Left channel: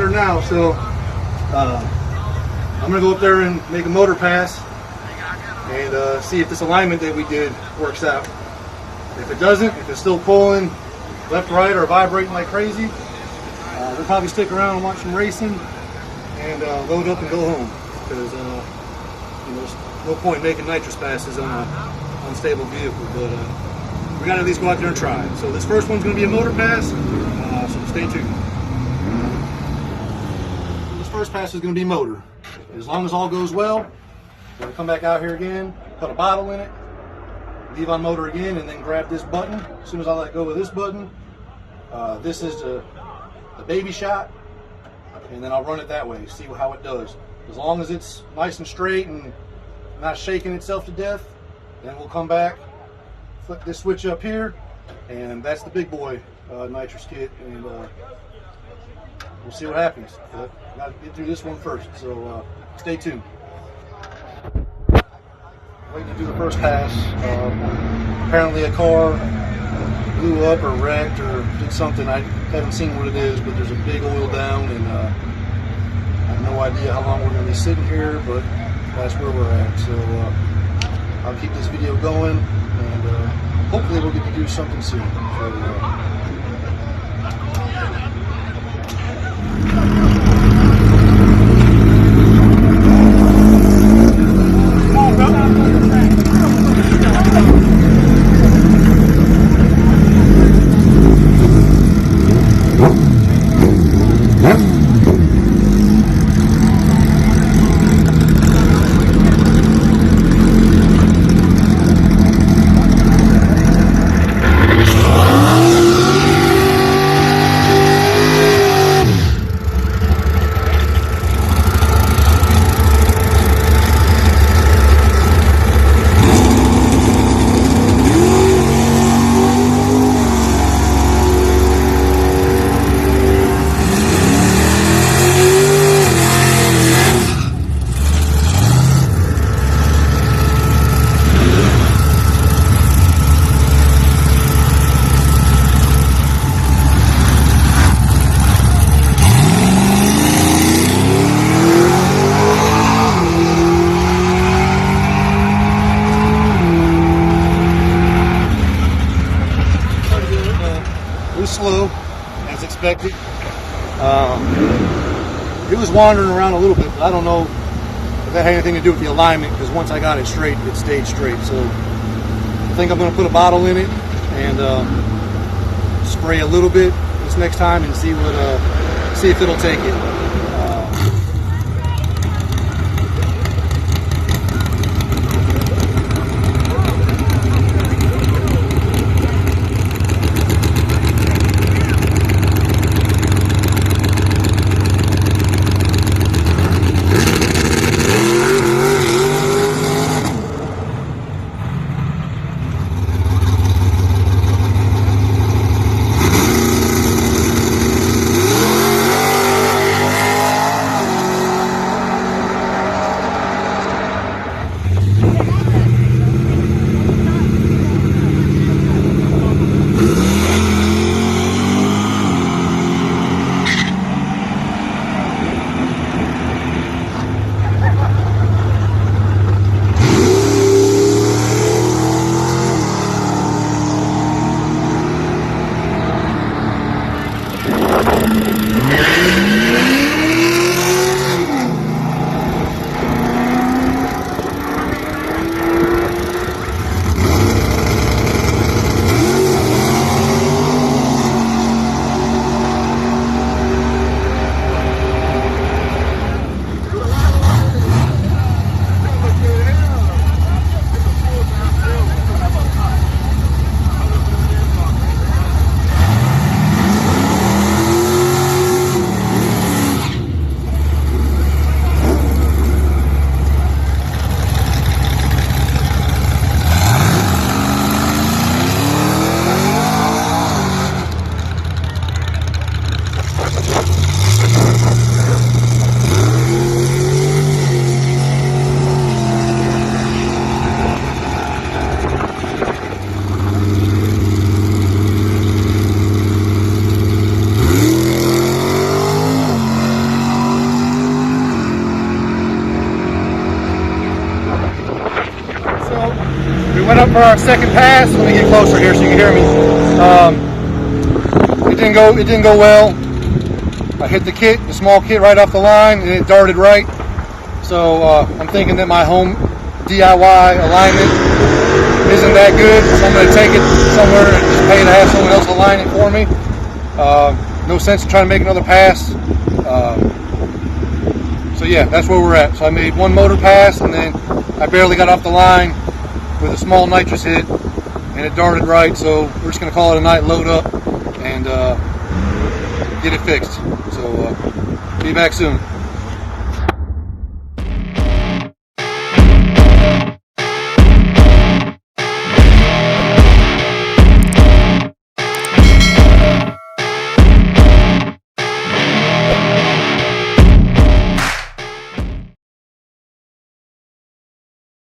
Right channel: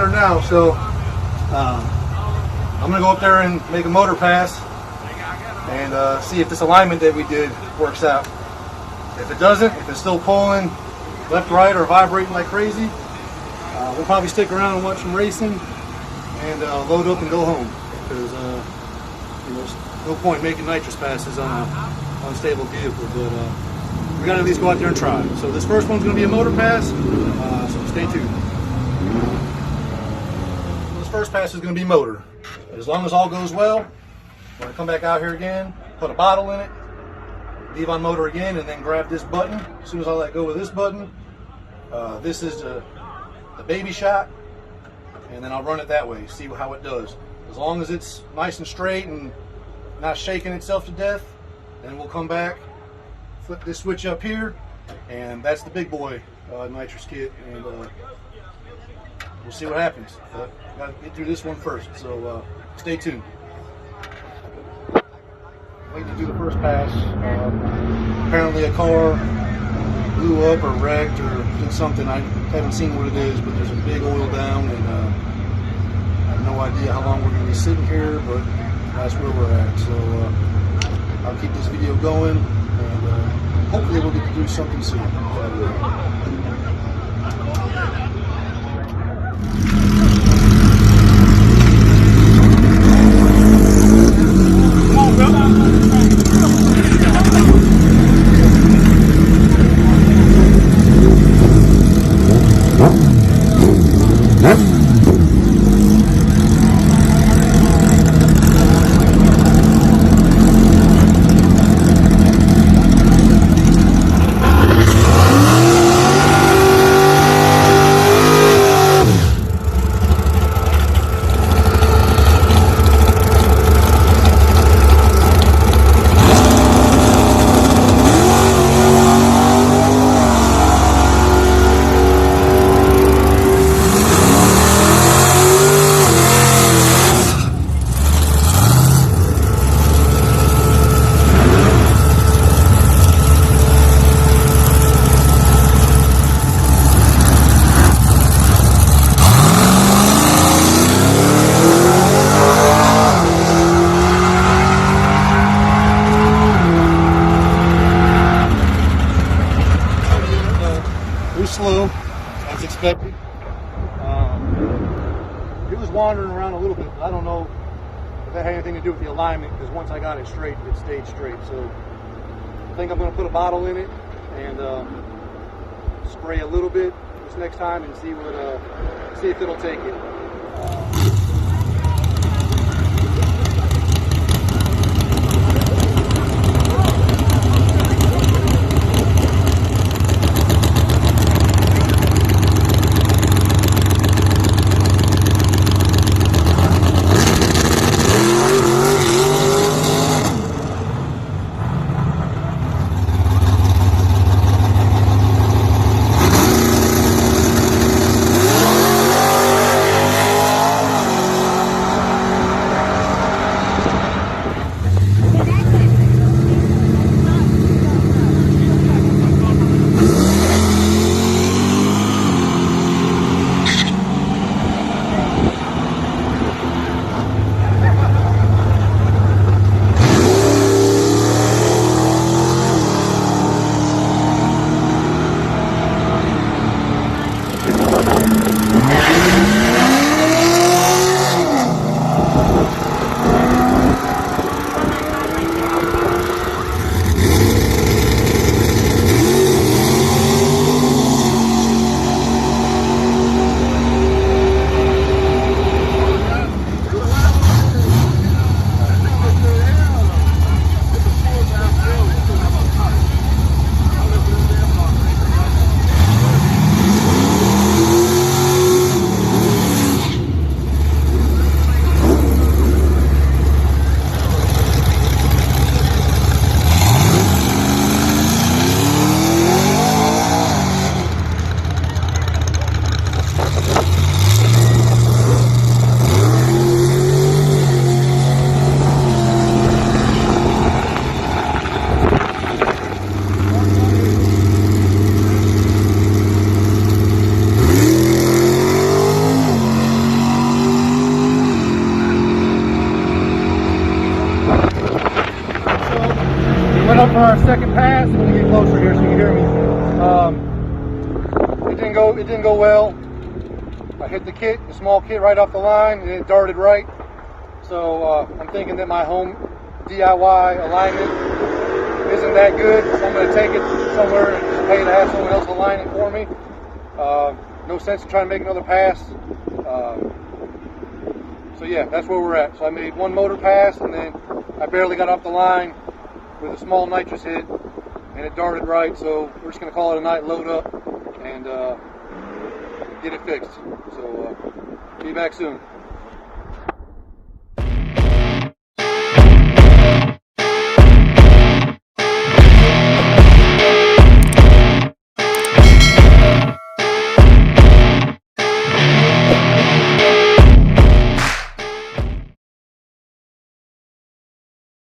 200 now, so I'm gonna go up there and make a motor pass and see if this alignment that we did works out. If it doesn't, if it's still pulling left, right, or vibrating like crazy, we'll probably stick around and watch some racing and load up and go home, because you know, there's no point making nitrous passes on an unstable vehicle, but we gotta at least go out there and try. So this first one's gonna be a motor pass, so stay tuned. So this first pass is gonna be motor. As long as all goes well, I'm gonna come back out here again, put a bottle in it, leave on motor again, and then grab this button. As soon as I let go of this button, this is the baby shot, and then I'll run it that way, see how it does. As long as it's nice and straight and not shaking itself to death, then we'll come back, flip this switch up here, and that's the big boy nitrous kit, and we'll see what happens. But gotta get through this one first, so stay tuned. Waiting to do the first pass. Apparently a car blew up or wrecked or did something. I haven't seen what it is, but there's a big oil down, and I have no idea how long we're going to be sitting here, but that's where we're at. So I'll keep this video going, and hopefully we'll get to do something soon. So, slow as expected. It was wandering around a little bit, but I don't know if that had anything to do with the alignment, because once I got it straight, it stayed straight. So I think I'm going to put a bottle in it and spray a little bit this next time and see if it'll take it. up for our second pass. Let me get closer here so you can hear me. It didn't go well. I hit the small kit right off the line, and it darted right. So I'm thinking that my home DIY alignment isn't that good, so I'm going to take it somewhere and just pay to have someone else align it for me. No sense in trying to make another pass. So yeah, that's where we're at. So I made one motor pass, and then I barely got off the line with a small nitrous hit, and it darted right. So we're just going to call it a night, load up, and get it fixed. So be back soon.